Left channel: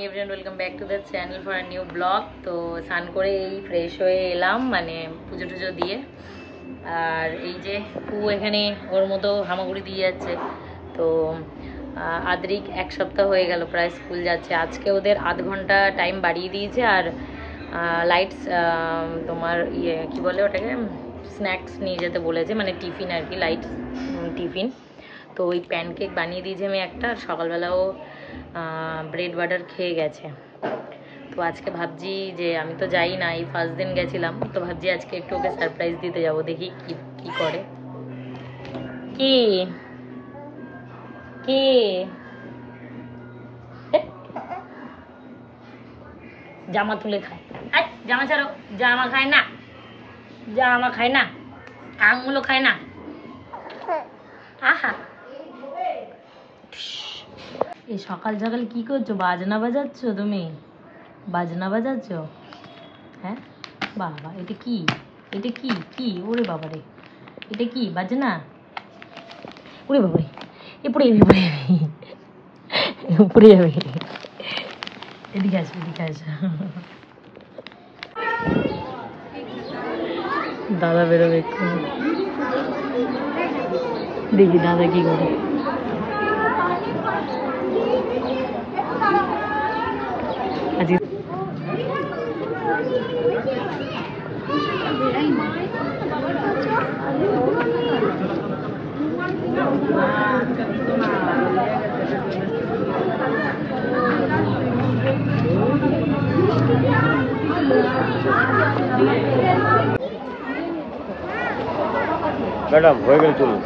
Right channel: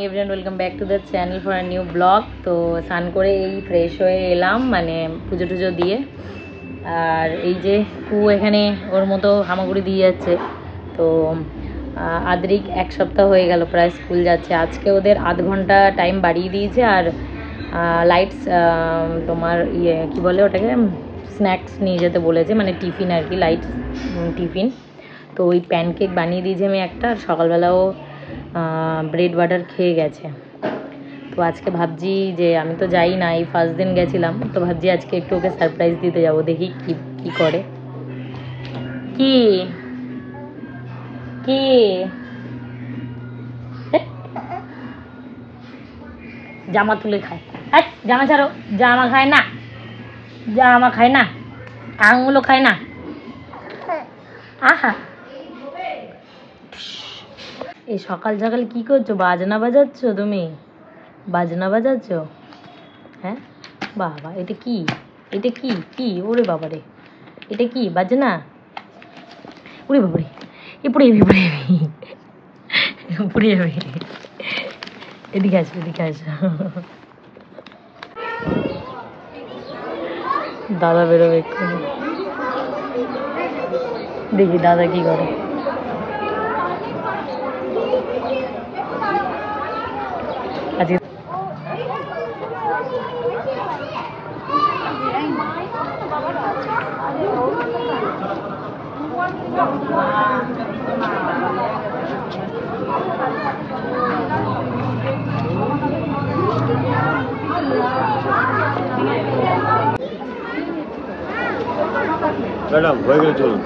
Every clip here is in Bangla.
Everyone welcome back to the channel for a new blog. तो स्नान करे এই ফ্রেশ হয়ে এলাম, মানে পুজো টুজো দিয়ে। আর এই যে ও এখানে ওর মতো হামাগুড়ি দিয়ে যাচ্ছে। তো আদ্রিক এক সপ্তাহ হয়ে গেল প্রায় স্কুল যাচ্ছে। আজকে ওদের আধ ঘন্টা টাইম বাড়িয়ে দিয়েছে। আর লাইটস তোমার ইয়ে কী বলে ওটাকে, স্ন্যাক্স নিয়ে যেতে বলেছে, মানে টিফিন আর কি, লাইট টিফিন। তো ওই প্যানকেক বানিয়ে দিয়েছি আমি একটা, আর সকালবেলাও ব্রেড বাটার খেয়ে গেছে। তো আজকে ভাবছি যে আমি তো যাই না, এই ফার্স্ট দিন গেছিলাম, তো ভাবছি আজকে একটু ওকে সারপ্রাইজ দিতে যাব, দেখি কি করে। কি কি জামা তুলে খায়, জামা ছাড়ো, জামা খায় না, জামা খায় না, আঙুলো খায় না। আহা, এই সকাল সকাল কি করছো? বাজনা বাজাচ্ছ তুমি? বাজনা বাজাচ্ছ? হ্যাঁ বাবা, এটা কি? এটা কি কি ওরে বাবারে, এটা কি বাজনা? ওরে বাবারে, এ পড়ে যাবি, পড়ে যাবি, পড়ে যাবে। এদিকে আসো, এদিকে আসো। দাদা বেরোবে এক্ষুনি, দেখি দাদা কি করে। ম্যাডাম হয়ে গেলে চলুন।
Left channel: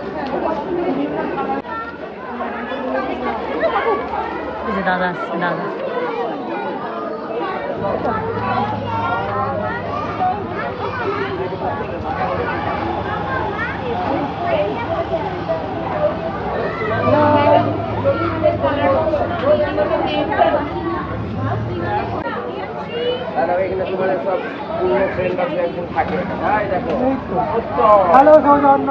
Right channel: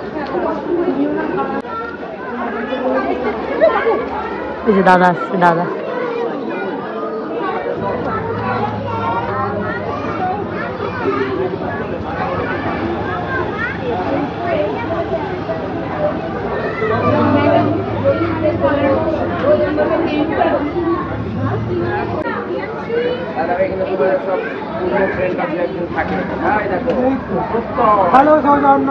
দাদা আসছে, দাদা। হ্যালো সৌজন্য,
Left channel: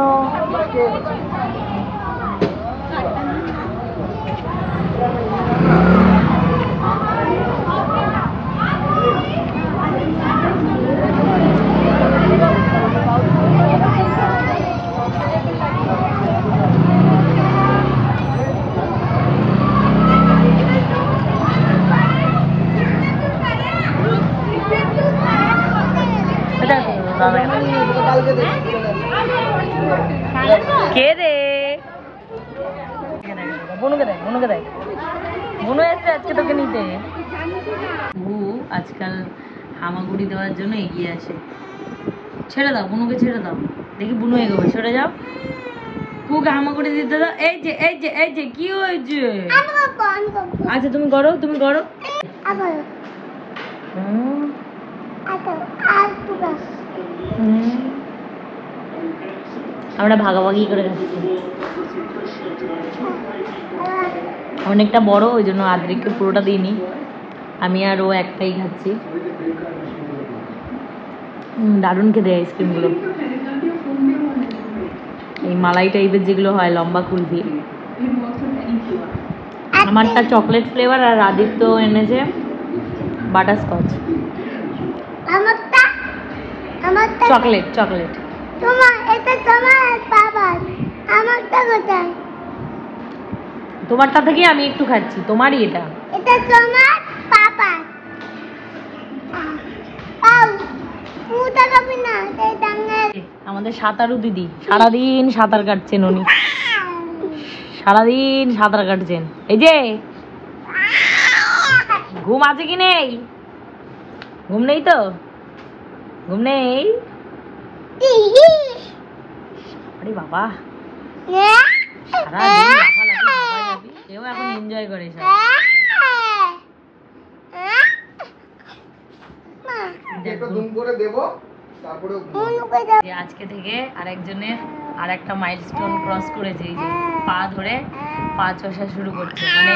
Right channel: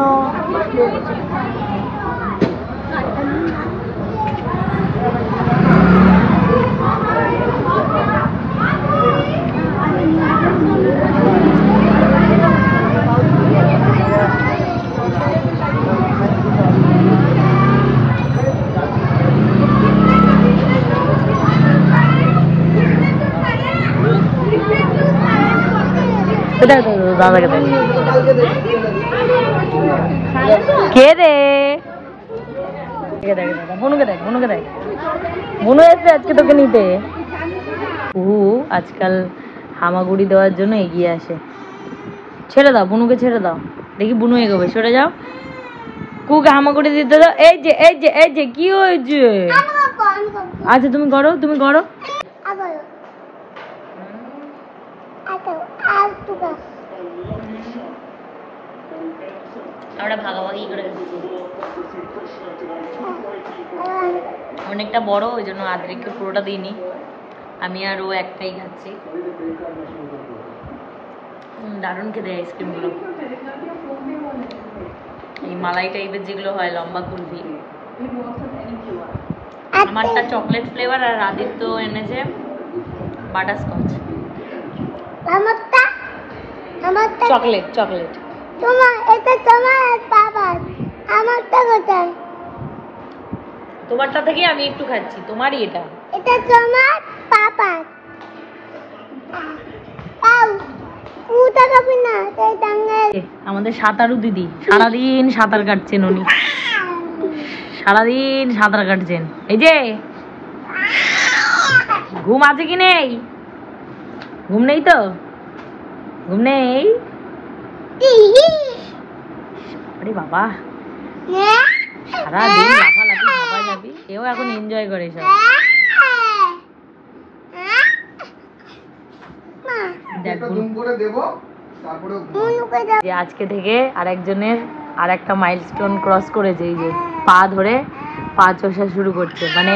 দাদাকে দেখ, কে রে? বনুকে দেখ, বনুকে দেখ, বনু এসছে আজকে তোকে নিতে। কুহু আজকাল হামাগুড়ি দেওয়ার জন্য এগিয়ে আসে। ছেড়ে দাও বনুকে, ছেড়ে দাও, দেখি বুনু এগোবে। সরে যাও, কুকে হামাগুড়ি দিতে দাও। এই যে এই যে এই যে কি হয়েছে? আচ্ছা তুমি করো, তুমি করো। আমরা ভাগাভাগি করে খাচ্ছি, অনেকটা বড়, ওই জন্য আদ্রিককে পুরোটা দিইনি, আমি আর ও একটাই খাচ্ছি। দারুণ খেতে আইসক্রিমগুলো, এই মালাই টাইপের যেগুলো হয়, লম্বা কুলফি। আমারটা চকলেট ফ্লেভার, আর আদিত্য এনেছে বাটারস্কচ। Chocolate chocolate. তোমারটা থেকে আমি একটু খাচ্ছি, তোমারই এটা। আমাদের সাঁতারু দিদি সারাদিন সাঁতার কাটছেন, উনি সারাদিন সাঁতার কাটছেন। এই যে ঘুম আছে কি নেই? ঘুম নেই তো? ঘুম নেই? আরে বাবা, সারাদিন লাফালাফি, ভাবা যাবি। কেউ এখন এনজয় করে সব। আজকে থেকে আরেকজনের আর একটা মাইলস্টোন ক্রস করেছে, এই যে পা ধরে পা চষা শুরু করছে, মানে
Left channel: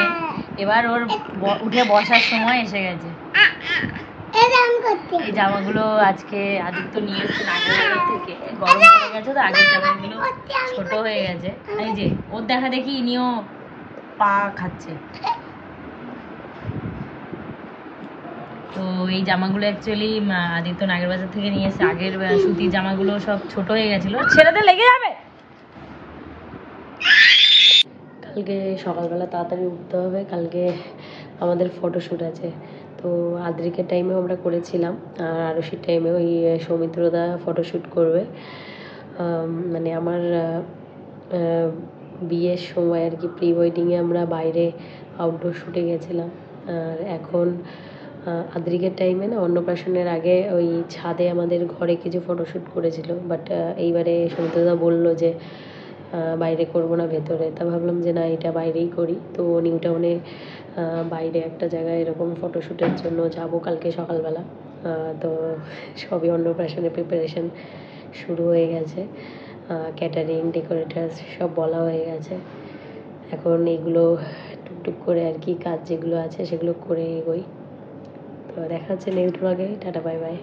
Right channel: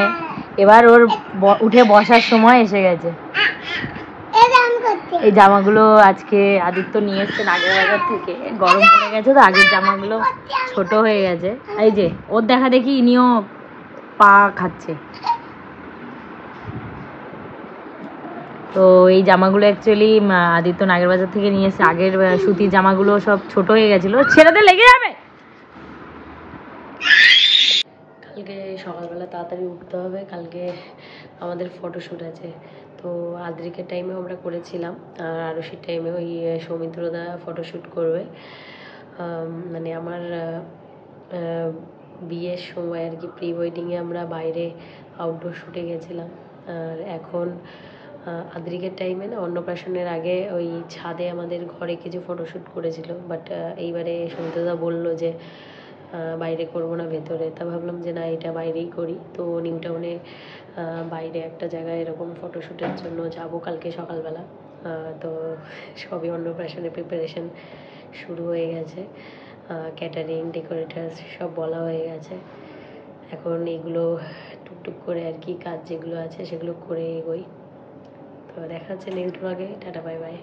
এবার ওর উঠে বসার সময় এসে গেছে। এই জামাগুলো আজকে আদিত্য নিয়ে এসছে নাগের থেকে, গরম পড়ে গেছে তো, আগের জামাগুলো ছোট হয়ে গেছে। এই যে ওর দেখা দেখি ইনিও পা খাচ্ছে। তো এই জামাগুলো অ্যাকচুয়ালি আদিত্য নাগের বাজার থেকে নিয়ে এসে, আগের সুতির জামাগুলো সব ছোট হয়ে গেছিলো, ছেড়েতে লেগে যাবে। কালকে সকালবেলা তাড়াতাড়ি উঠতে হবে, কালকে আমাদের ফটোশ্যুট আছে। তো আদ্রিকের টাইমেও আমরা করেছিলাম, আর আরশির টাইমে ওই সৌমিত্রদা ফটোশ্যুট করবে। মানে আমার বিয়ের সময় আর কি, প্রি ওয়েডিংয়ে আমরা বাইরে আউটডোর শ্যুটে গেছিলাম। আর এখন আদ্রিকের টাইমে না, অন্নপ্রাশনের আগে ওই ছাদে আমাদের ঘরে কিছু ফটোশ্যুট করেছিল, বাট এইবারে সৌমিত্রদা বললো যে বাইরে করব না, ভেতরে। তা ভাবলাম যে না, এটা বাইরেই করি। তো নিউ টাউনে বাইরে একটা জায়গায় এরকম ফটোশ্যুটের জন্য যাব কালকে সকালবেলা। তো সবই অন্নপ্রাশনের প্রিপারেশন শুরু হয়ে গেছে, ক্যাটারিং, ডেকোরেটার্স সব বলা হয়ে গেছে। এখন এগুলো টুকটুক করে আর কি কাজ যেগুলো আছে সেগুলো করে এগোই। তো দেখা হচ্ছে নেক্সট ব্লগে। Tata, bye bye.